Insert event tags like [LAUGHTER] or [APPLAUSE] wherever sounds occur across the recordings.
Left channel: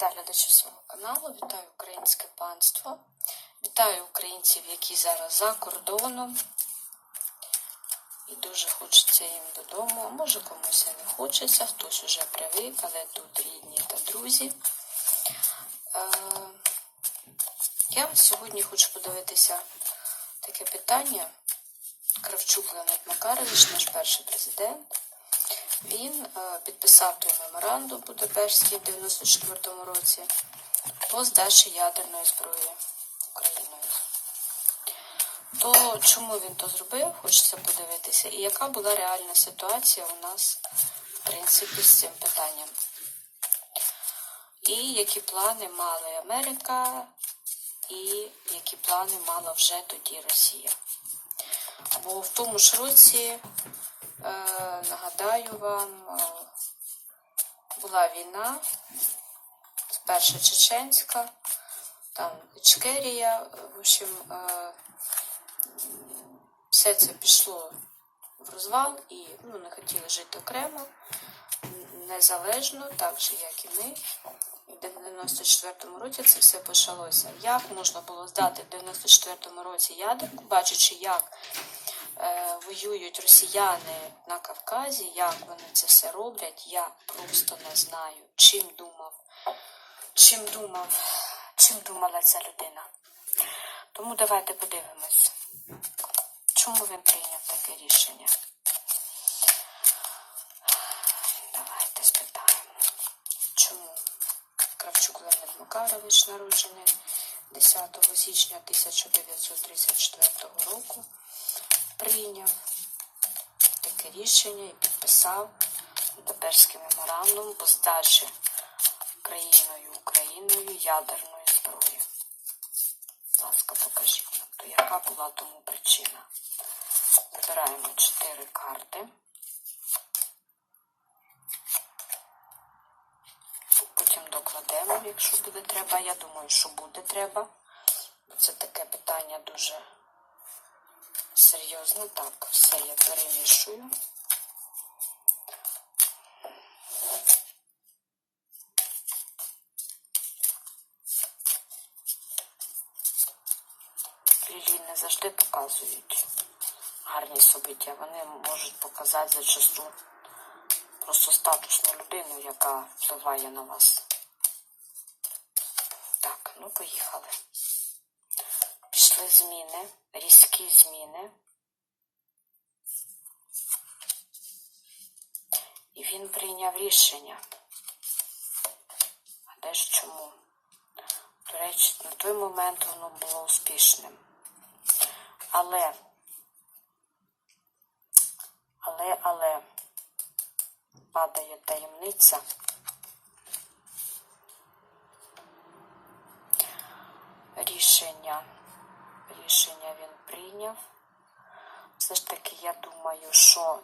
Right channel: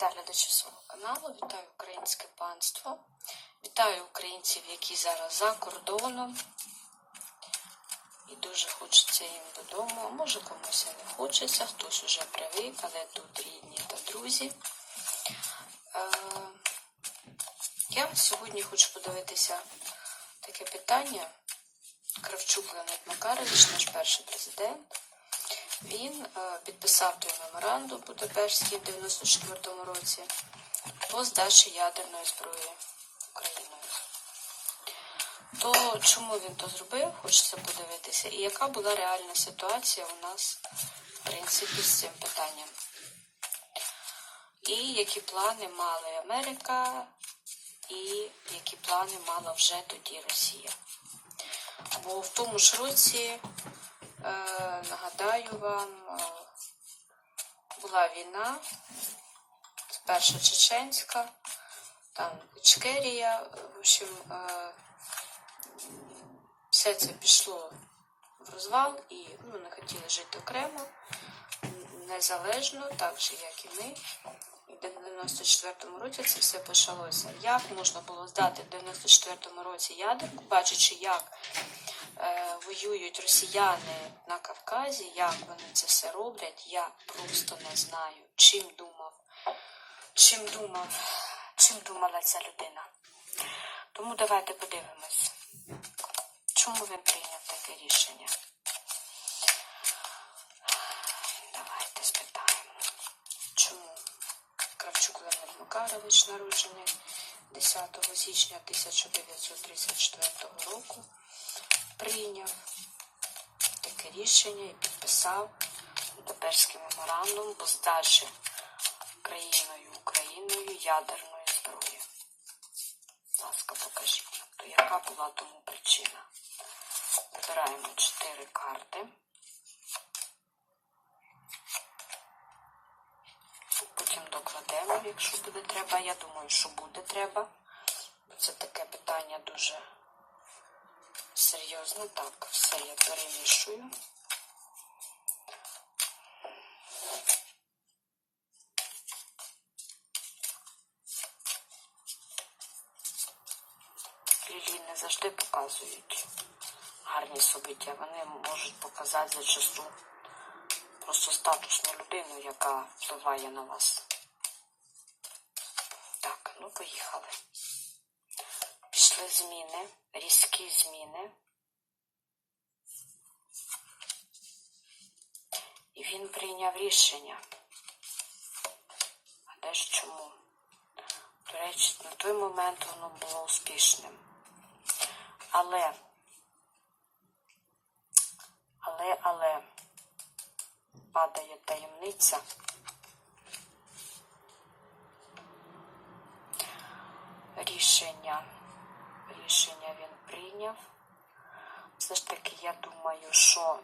Вітаю глядачі свого каналу, вітаю українське панство, вітаю українців, які зараз за кордоном. І дуже хочеться їм додому. Може комусь і не хочеться, хтось уже привик, але тут рідні та друзі. Е, я сьогодні хочу подивитися таке питання. Кравчук Леонид Макарович, наш перший президент. Він е, підписав той меморандум Будапештський в 94-му році по здачі ядерної зброї Україною. То чому він то зробив, хочеться подивитися, і яка була реальна ситуація у нас, в принципі, з цим питанням. І які плани мали Америка, і які плани мала вже тоді Росія. Бо в тому ж році Нагадаю вам, е, була війна, перша чеченська, там Ічкерія, в общем, е, все це пішло в розвал і ну, не хотіли жити окремо, незалежно, так же, як і ми. І в 94-му році це все почалося. Як можна було здати в 94-му році ядерку, бачачи, як е, воюють росіяни на Кавказі, як вони це все роблять, я просто не знаю, чим думав, чим думав, чим думала ця людина. Тому давайте подивимось, чому він прийняв таке рішення. Давайте спитаємо, чому Кравчук Леонид Макарович народжений 10 січня 1934 року прийняв таке рішення і підписав Будапештський меморандум по здачі країною Україною ядерної зброї. Будь ласка, покажіть нам, то яка була тому причина. Вибираємо чотири карти. Потім докладемо, якщо буде треба. Я думаю, що буде треба. Це таке питання дуже серйозне. Так, все я перемішую. Лілії не завжди показують гарні собиття. Вони можуть показати зачасту просто статусну людину, яка впливає на вас. Так, ну поїхали. Пішли зміни, різкі зміни. І він прийняв рішення. А де ж чому? До речі, на той момент воно було успішним. Але, але, але падає таємниця. Рішення. Рішення він прийняв. Все ж таки, я думаю, що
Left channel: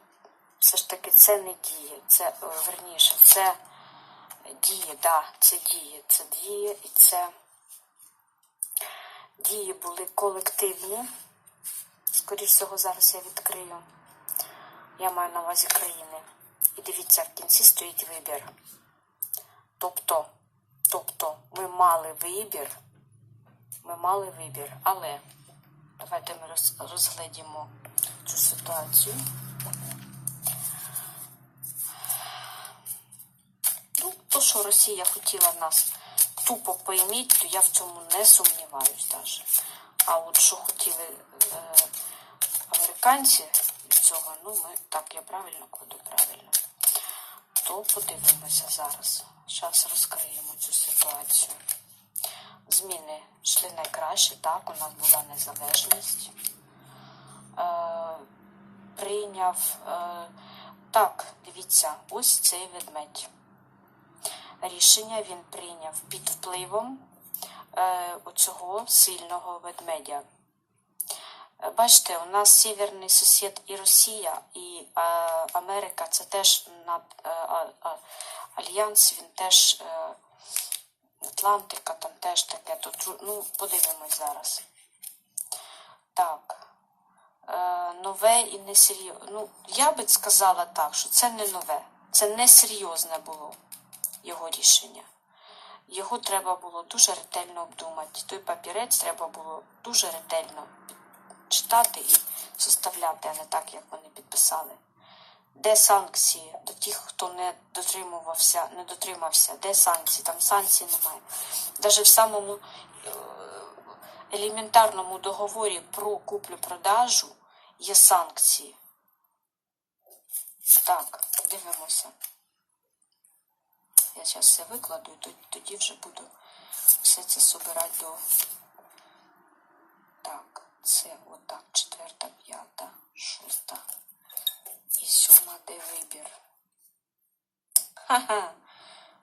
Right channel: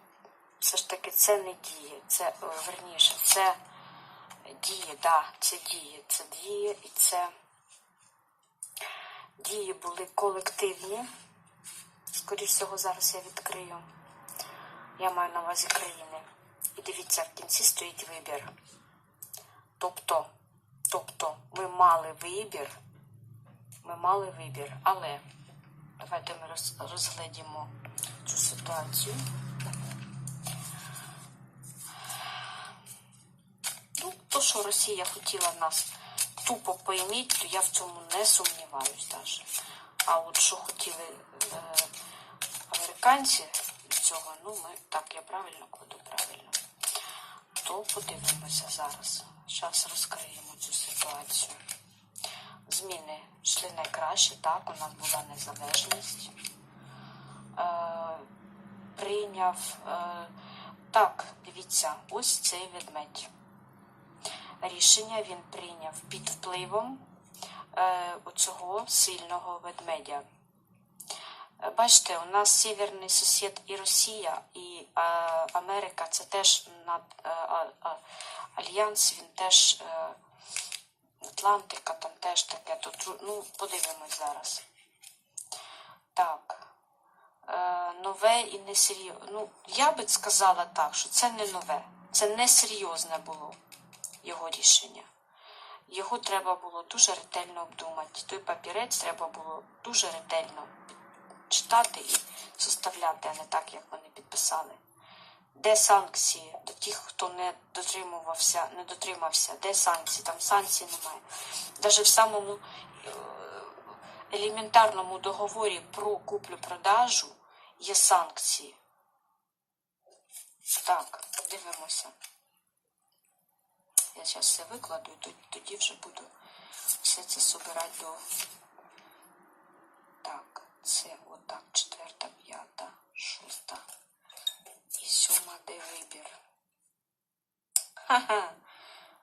все ж таки це не діє. Це е, верніше, це діє, да, це діє, це діє і це дії були колективні. Скоріше всього, зараз я відкрию. Я маю на увазі країни. І дивіться, в кінці стоїть вибір. Тобто, тобто, ми мали вибір, ми мали вибір, але давайте ми роз, розглядімо цю ситуацію. Ну, то, що Росія хотіла нас тупо пойміть, то я в цьому не сумніваюсь навіть. А от що хотіли е, американці від цього, ну ми так я правильно кладу правильно. То подивимося зараз. Зараз розкриємо цю ситуацію. Зміни йшли найкраще, так, у нас була незалежність. Е, прийняв е, так, дивіться, ось цей ведмедь. Рішення він прийняв під впливом е, оцього сильного ведмедя. Е, Бачите, у нас северний сусід і Росія, і е, Америка це теж над е, а- альянс, він теж е, Атлантика, там теж таке. Тут, ну, подивимось зараз. Так. Е, нове і несерйозне. Ну, я би сказала так, що це не нове, це не серйозне було його рішення. його треба було дуже ретельно обдумати. Той папірець треба було дуже ретельно читати і составляти, а не так, як вони підписали. Де санкції до тих, хто не дотримувався, не дотримався? Де санкції? Там санкцій немає. Навіть в самому е, елементарному договорі про куплю-продажу є санкції. Так, дивимося. Я зараз все викладу і тоді- вже буду все це собирати до. Так, це отак, четверта, п'ята, шоста вибір. Ха-ха.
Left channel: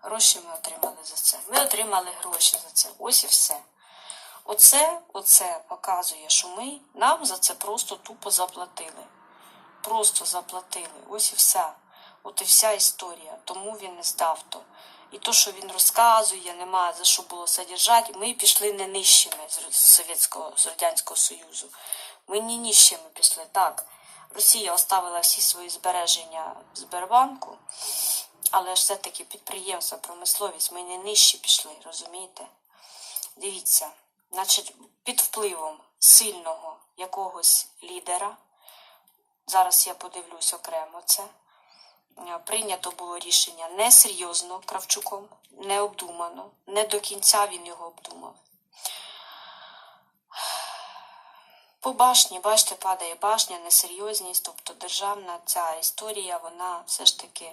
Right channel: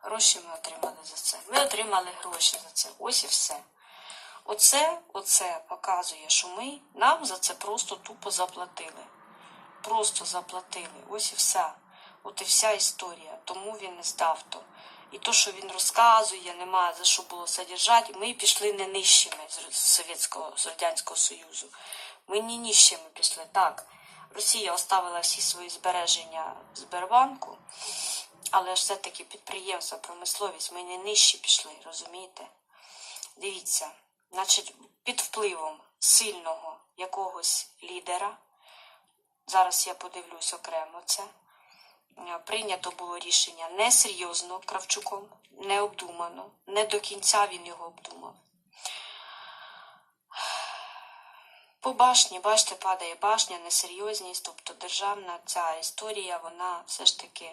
Гроші ми отримали за це. Ми отримали гроші за це. Ось і все. Оце, оце показує, що ми нам за це просто тупо заплатили. Просто заплатили. Ось і вся. От і вся історія. Тому він не здав то. І то, що він розказує, нема за що було содержати, ми пішли не нижчими з Совєтського, з Радянського Союзу. Ми не нижчими пішли. Так, Росія оставила всі свої збереження в Сбербанку, але ж все-таки підприємства, промисловість, ми не нижчі пішли, розумієте? Дивіться, значить, під впливом сильного якогось лідера, зараз я подивлюсь окремо це, е, прийнято було рішення несерйозно Кравчуком, необдумано, не до кінця він його обдумав. По башні, бачите, падає башня, несерйозність, тобто державна ця історія, вона все ж таки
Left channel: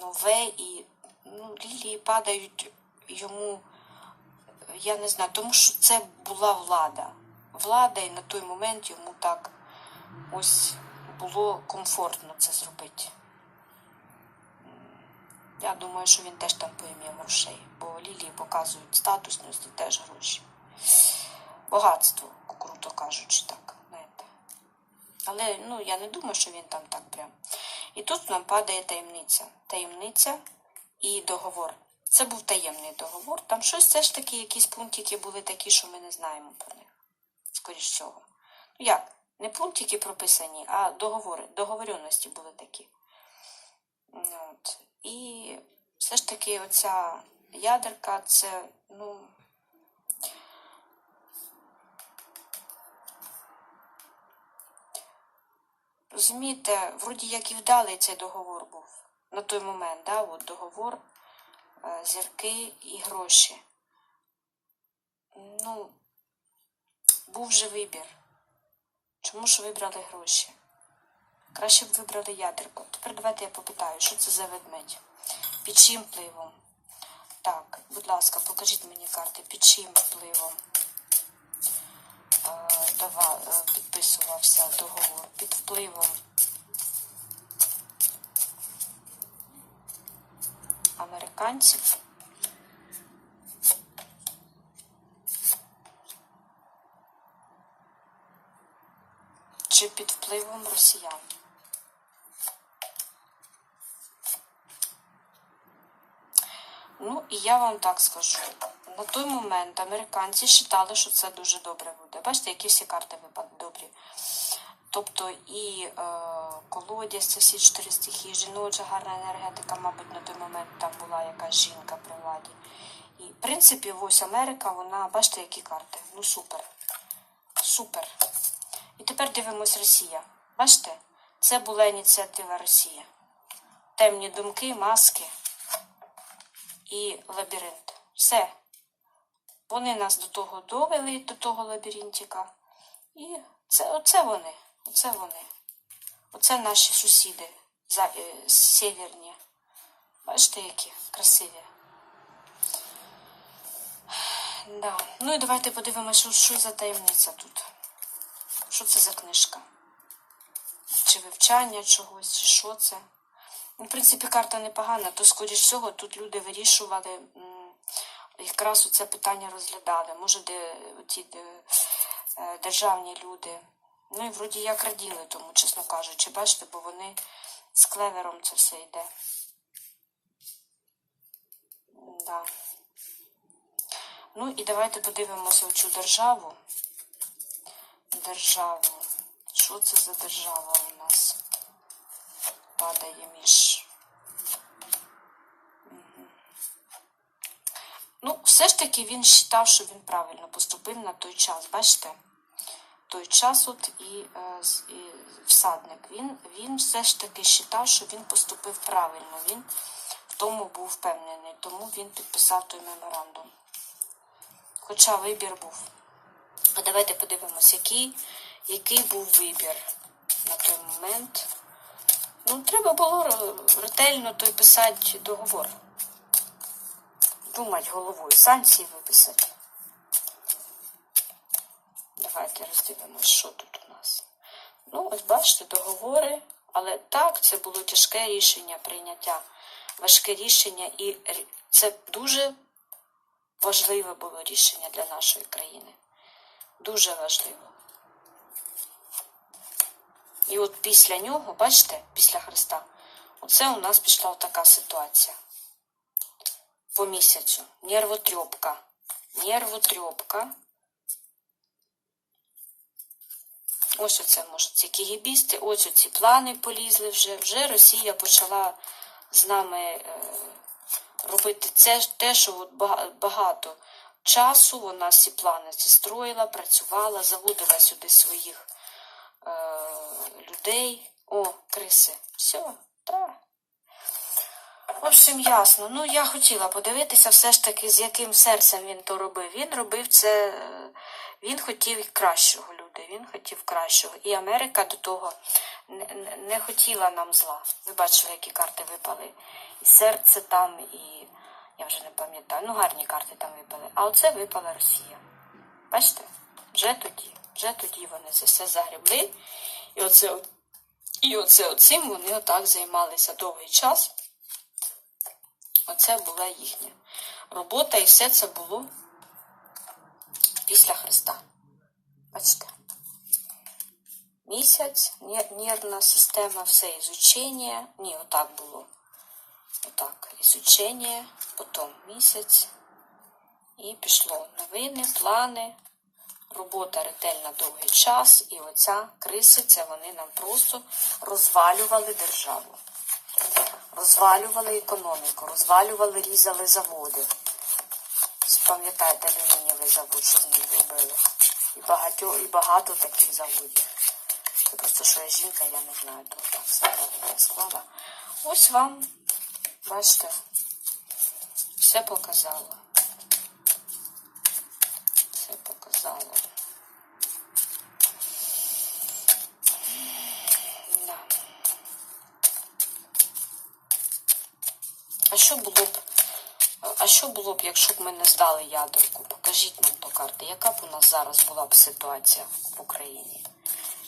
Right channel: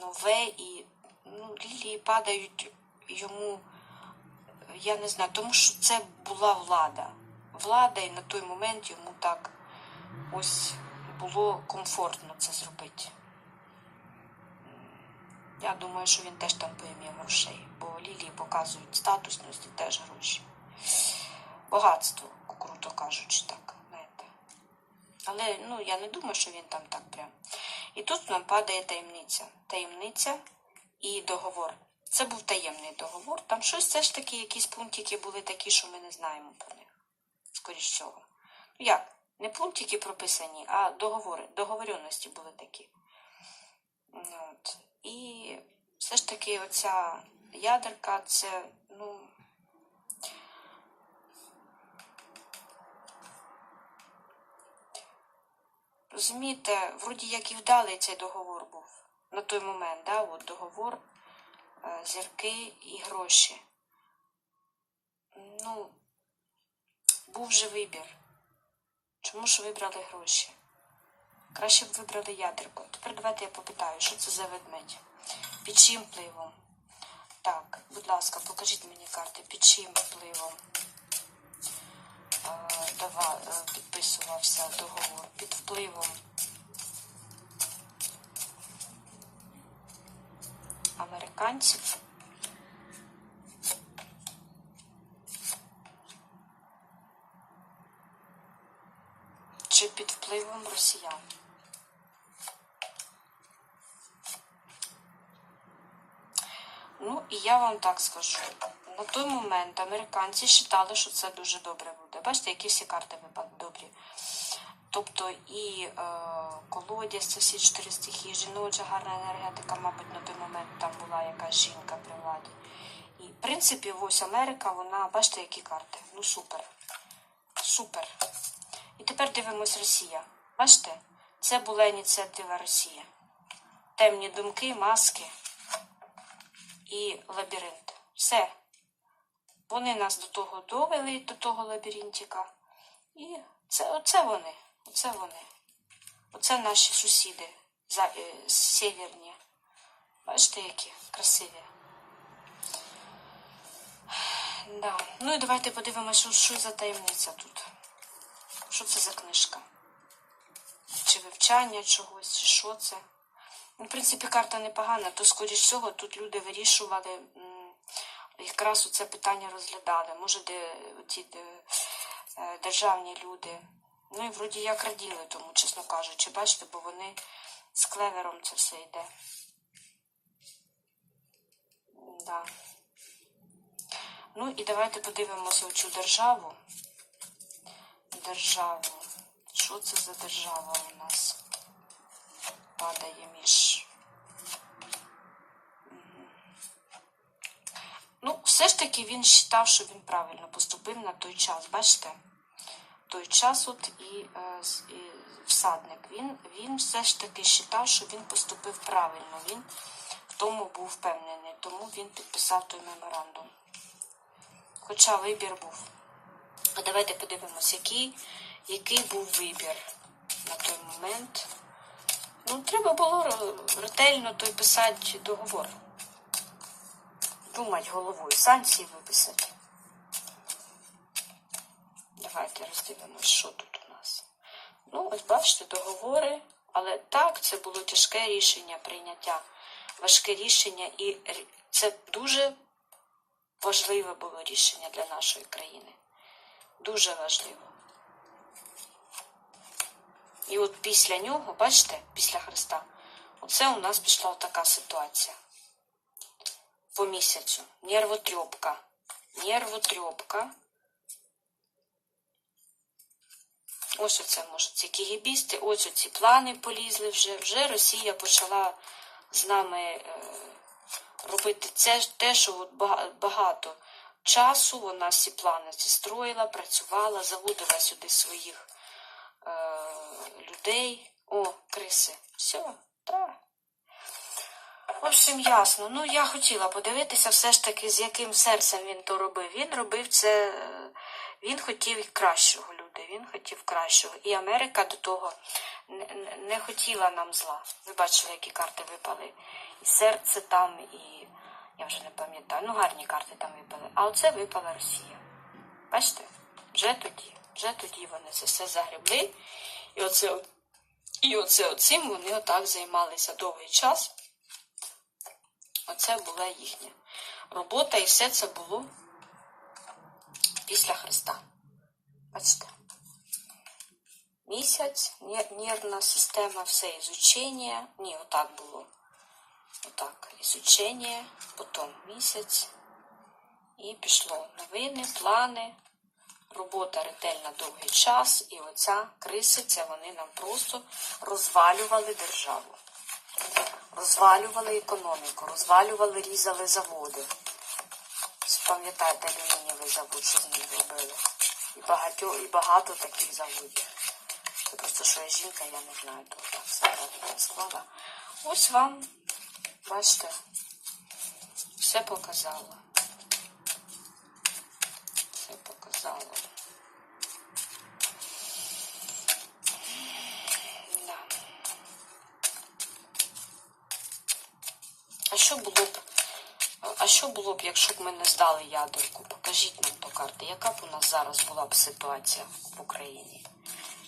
нове і ну, лілії падають йому, я не знаю, тому що це була влада. Влада, і на той момент йому так ось було комфортно це зробити. Я думаю, що він теж там поім'є грошей, бо лілії показують статусність і теж гроші. Багатство, круто кажучи, так. знаєте. Але ну, я не думаю, що він там так прям. І тут нам падає таємниця. Таємниця і договор. Це був таємний договор. Там щось все ж таки, якісь пунктики були такі, що ми не знаємо про них. Скоріш всього. Ну як? Не пунктики прописані, а договори. Договоренності були такі. Ну, От. І все ж таки оця ядерка, це, ну. Розумієте, вроді як і вдалий цей договор був на той момент, да, от договор, е, зірки і гроші. Ну, був же вибір. Чому ж вибрали гроші? Краще б вибрали ядерку. Тепер давайте я попитаю, що це за ведмедь? Під чим впливом? Так, будь ласка, покажіть мені карти, під чим впливом е, е, підписувався договор? Під впливом американців. Чи під впливом росіян? Ну, і я вам так скажу. На той момент американці вважали, що це дуже добре. Бачите, які всі карти добрі. Тобто і е, колодязь, це всі чотири стихії, жіноча гарна енергетика, мабуть, на той момент там була якась жінка при владі. І, в принципі, ось Америка, вона, бачите, які карти. Ну, супер. Супер. І тепер дивимось Росія. Бачите? Це була ініціатива Росії. Темні думки, маски і лабіринт. Все. Вони нас до того довели, до того лабіринтика. І це оце вони. Оце вони. Оце наші сусіди за, е, северні. Бачите, які красиві. Да. Ну і давайте подивимося, що, що за таємниця тут. Що це за книжка? Чи вивчання чогось, чи що це? Ну, в принципі, карта непогана, то, скоріш всього, тут люди вирішували, якраз це питання розглядали. Може, де ці е, державні люди. Ну і вроді як раділи тому, чесно кажучи, бачите, бо вони з клевером це все йде. Да. Ну і давайте подивимося цю державу. Державу. Що це за держава у нас? Падає між. Все ж таки він вважав, що він правильно поступив на той час. Бачите? Той час от і, е, і всадник. Він, він все ж таки вважав, що він поступив правильно. Він в тому був впевнений, тому він підписав той меморандум. Хоча вибір був. А давайте подивимось, який, який був вибір на той момент. Ну, треба було ретельно той писати договор. Думати головою, санкції виписати. Давайте роздивимось, що тут у нас. Ну, ось бачите, договори, але так, це було тяжке рішення прийняття, важке рішення, і це дуже важливе було рішення для нашої країни. Дуже важливо. І от після нього, бачите, після Христа, оце у нас пішла така ситуація. По місяцю. Нервотрьопка. Нервотрьопка. Ось оце, може, ці кігібісти, ось оці плани полізли вже. Вже Росія почала з нами е, робити це те, що от багато часу вона ці плани ці строїла, працювала, заводила сюди своїх е, людей. О, криси. Все, так. В ясно. Ну, я хотіла подивитися все ж таки, з яким серцем він то робив. Він робив це, він хотів кращого, люди, він хотів кращого. І Америка до того не, не- хотіла нам зла. Ви бачили, які карти випали. І серце там, і я вже не пам'ятаю. Ну, гарні карти там випали. А оце випала Росія. Бачите? Вже тоді, вже тоді вони це все загребли. І оце, і оце оцим вони отак займалися довгий час. Оце була їхня робота, і все це було після Христа. Бачите? Місяць, нервна система, все ізучення. Ні, отак було. Отак, ізучення, потім місяць. І пішло новини, плани, робота ретельна довгий час. І оця криси, це вони нам просто розвалювали державу розвалювали економіку, розвалювали, різали заводи. Пам'ятаєте, алюмінієвий завод, що з ним зробили? І багато, і багато таких заводів. Це просто що я жінка, я не знаю, то так все правильно склала. Ось вам, бачите, все показало. Все показало. А що було б, а що було б, якщо б ми не здали ядерку? Покажіть нам то карти. Яка б у нас зараз була б ситуація в Україні?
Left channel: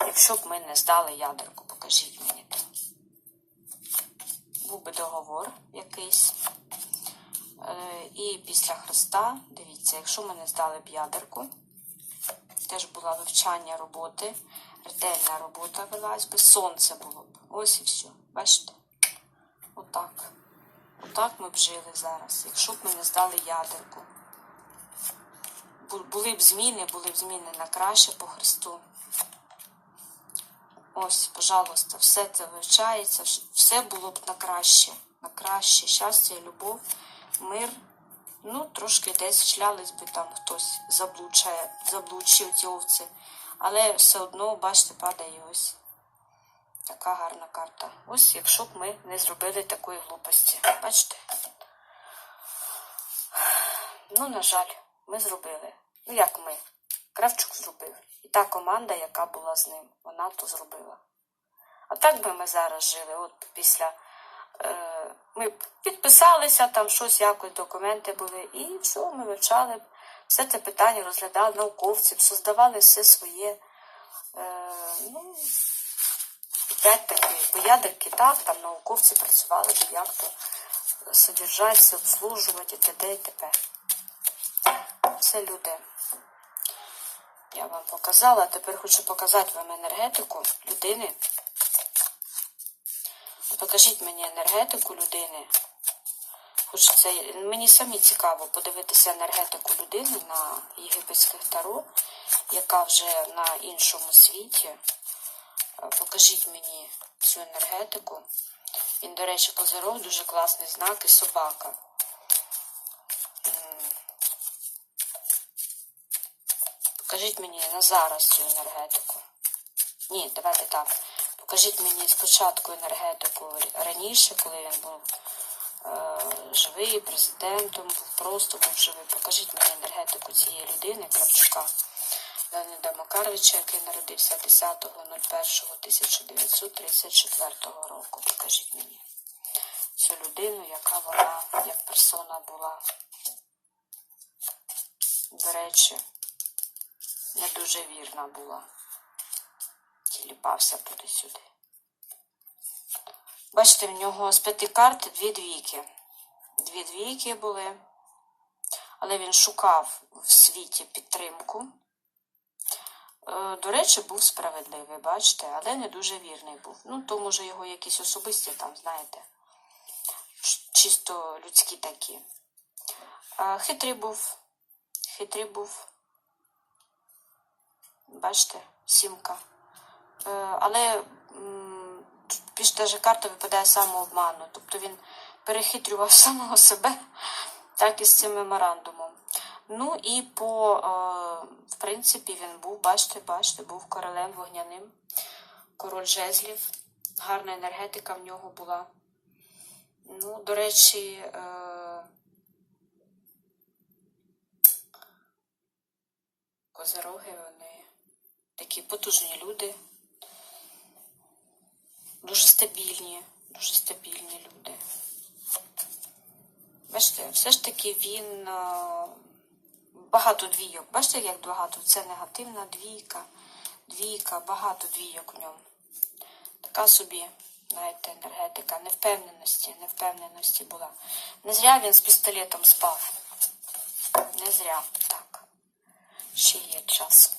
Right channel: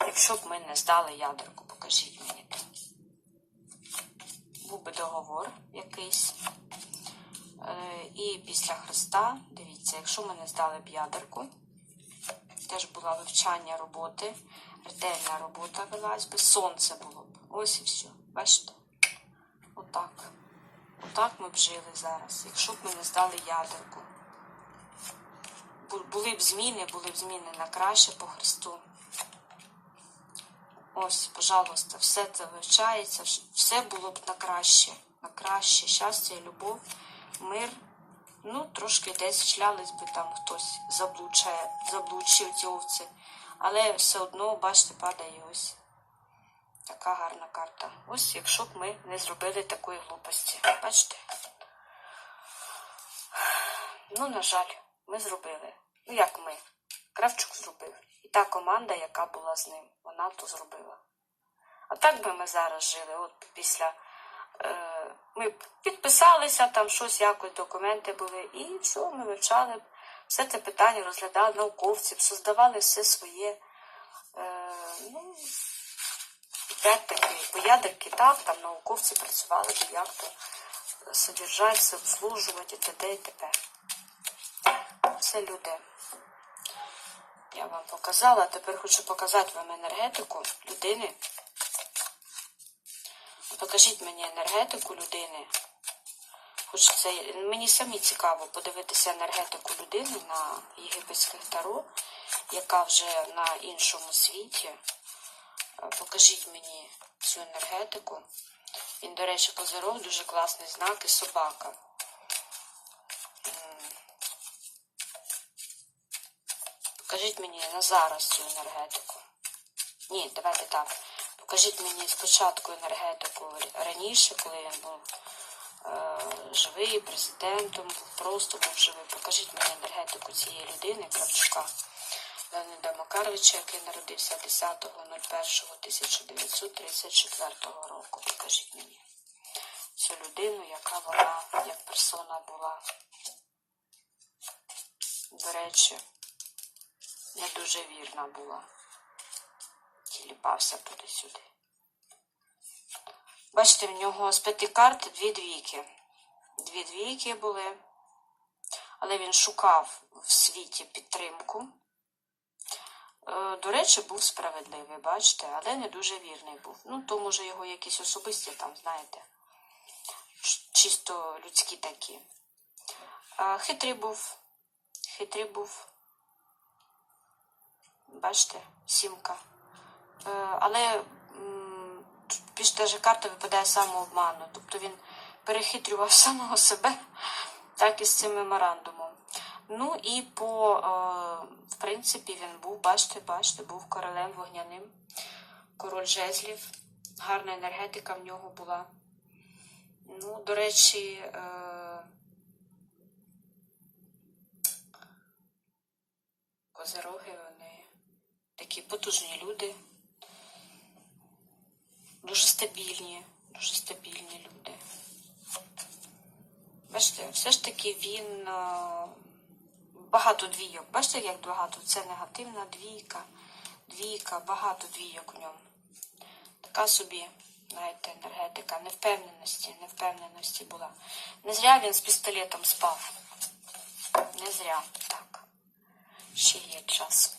Якщо б ми не здали ядерку, покажіть мені то. Був би договор якийсь. Е, І після Христа, дивіться, якщо ми не здали б ядерку, теж була вивчання роботи, ретельна робота велась би, сонце було б. Ось і все. Бачите? Отак. Отак ми б жили зараз, якщо б ми не здали ядерку. Були б зміни, були б зміни на краще по Христу. Ось, пожалуйста, все це вивчається, все було б на краще, на краще, щастя, любов, мир. Ну, трошки десь шлялись би там хтось заблучає, заблучив ці овці. Але все одно, бачите, падає ось. Така гарна карта. Ось якщо б ми не зробили такої глупості. Бачите? Ну, на жаль, ми зробили. Ну, як ми? Кравчук зробив. І та команда, яка була з ним, вона то зробила. А так би ми зараз жили. От після е, ми підписалися, там щось, якось документи були, і все, ми вивчали б. Все це питання розглядали науковці, б, создавали все своє. Е, ну, Опять таки, по ядерки, так, там науковці працювали, як то содержать, все обслужувати, і т.д. і т.п. Це люди. Я вам показала, а тепер хочу показати вам енергетику людини. Покажіть мені енергетику людини. Хоч це мені самі цікаво подивитися енергетику людини на єгипетських таро, яка вже на іншому світі. Е, покажіть мені цю енергетику. Він, до речі, козирог дуже класний знак і собака. Покажіть мені на зараз цю енергетику. Ні, давайте так. Покажіть мені спочатку енергетику раніше, коли я був е, живий, президентом, був просто був живий. Покажіть мені енергетику цієї людини, Кравчука. Леоніда Макаровича, який народився 10.01.1934 року. Покажіть мені цю людину, яка вона як персона була. До речі, не дуже вірна була. Тіліпався туди-сюди. Бачите, в нього з п'яти карт дві двійки. Дві двійки були, але він шукав в світі підтримку. Е, До речі, був справедливий, бачите, але не дуже вірний був. Ну, то, може, його якісь особисті там, знаєте, чисто людські такі. А хитрий був, хитрий був. Бачите, сімка. Е, Але більш даже карта випадає самообману. Тобто він перехитрював [LAUGHS] самого себе, так і з цим меморандумом. Ну і по, е, в принципі, він був, бачите, бачите, був королем вогняним, король жезлів, гарна енергетика в нього була. Ну, до речі, е, козероги, вони такі потужні люди, дуже стабільні, дуже стабільні люди. Бачите, все ж таки він е, багато двійок. Бачите, як багато? Це негативна двійка, двійка, багато двійок у ньому. Така собі, знаєте, енергетика, невпевненості, невпевненості була. Не зря він з пістолетом спав. Не зря, так. Ще є час.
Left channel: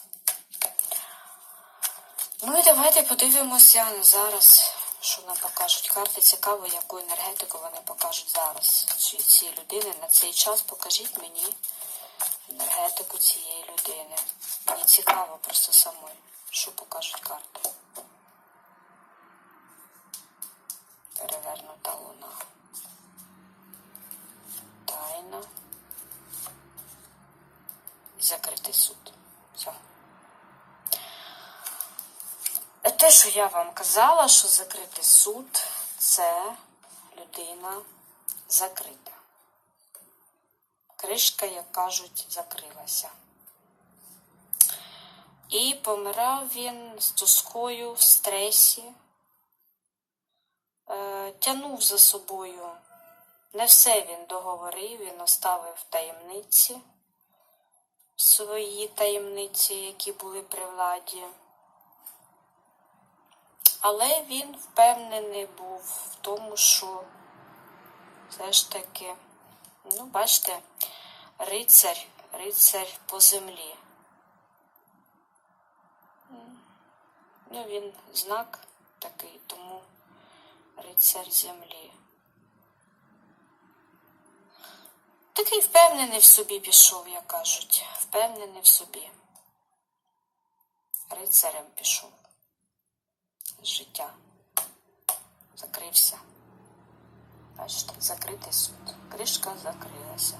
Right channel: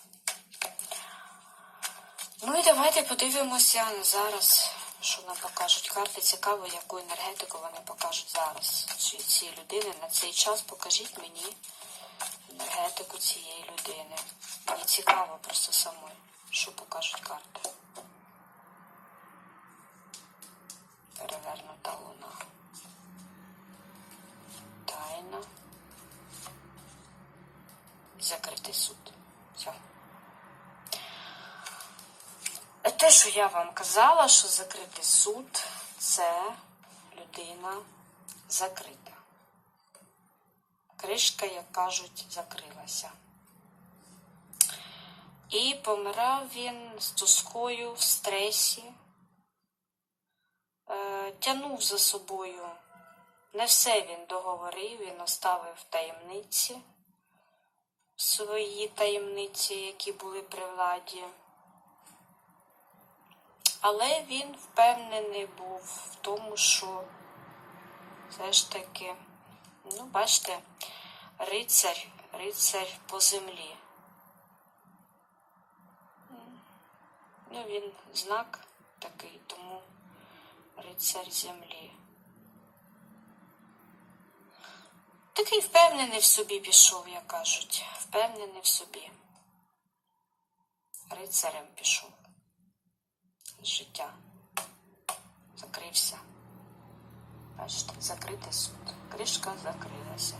Ну і давайте подивимося зараз, що нам покажуть карти. Цікаво, яку енергетику вони покажуть зараз. Ці людини на цей час покажіть мені енергетику цієї людини. Мені цікаво просто самой, що покажуть карти. Перевернута луна. Тайна. Закритий суд. Все. Те, що я вам казала, що закритий суд це людина закрита. Кришка, як кажуть, закрилася. І помирав він з тоскою в стресі, е, тянув за собою. Не все він договорив, він оставив таємниці, свої таємниці, які були при владі. Але він впевнений був в тому, що все ж таки, ну, бачите, рицар, рицар по землі. Ну, він знак такий, тому рицар землі. Такий впевнений в собі пішов, як кажуть. Впевнений в собі. Рицарем пішов життя. Закрився. Бачите, закритий суд. Кришка закрилася.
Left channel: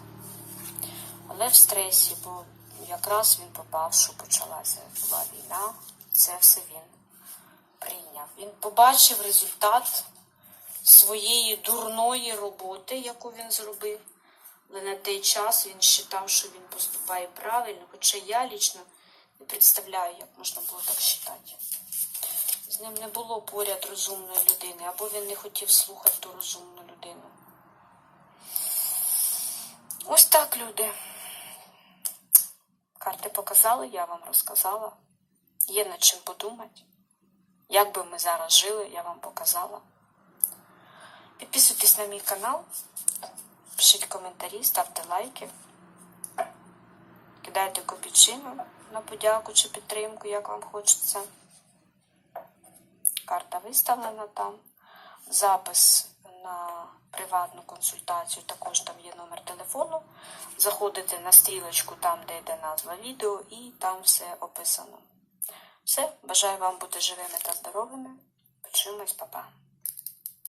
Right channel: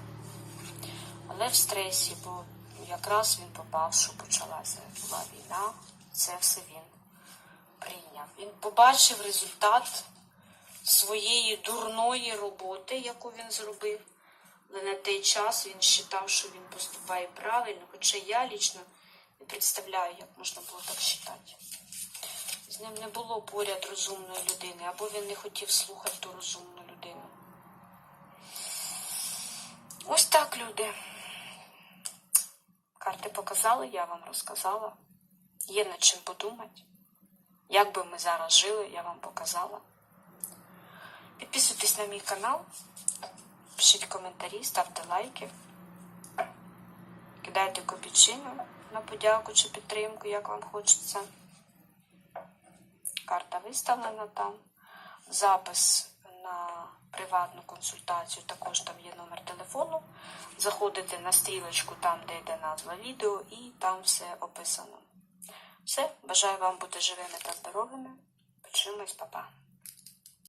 Але в стресі, бо якраз він попав, що почалася була війна. Це все він прийняв. Він побачив результат своєї дурної роботи, яку він зробив. Але на той час він вважав, що він поступає правильно, хоча я лічно не представляю, як можна було так вважати. З ним не було поряд розумної людини, або він не хотів слухати ту розумну. Ось так, люди. Карти показали, я вам розказала. Є над чим подумати. Як би ми зараз жили, я вам показала. Підписуйтесь на мій канал, пишіть коментарі, ставте лайки, кидайте копійчину на подяку чи підтримку, як вам хочеться. Карта виставлена там. Запис на приватну консультацію, також там є номер телефону. Заходите на стрілочку там, де йде назва відео, і там все описано. Все, бажаю вам бути живими та здоровими. Почимось, па-па.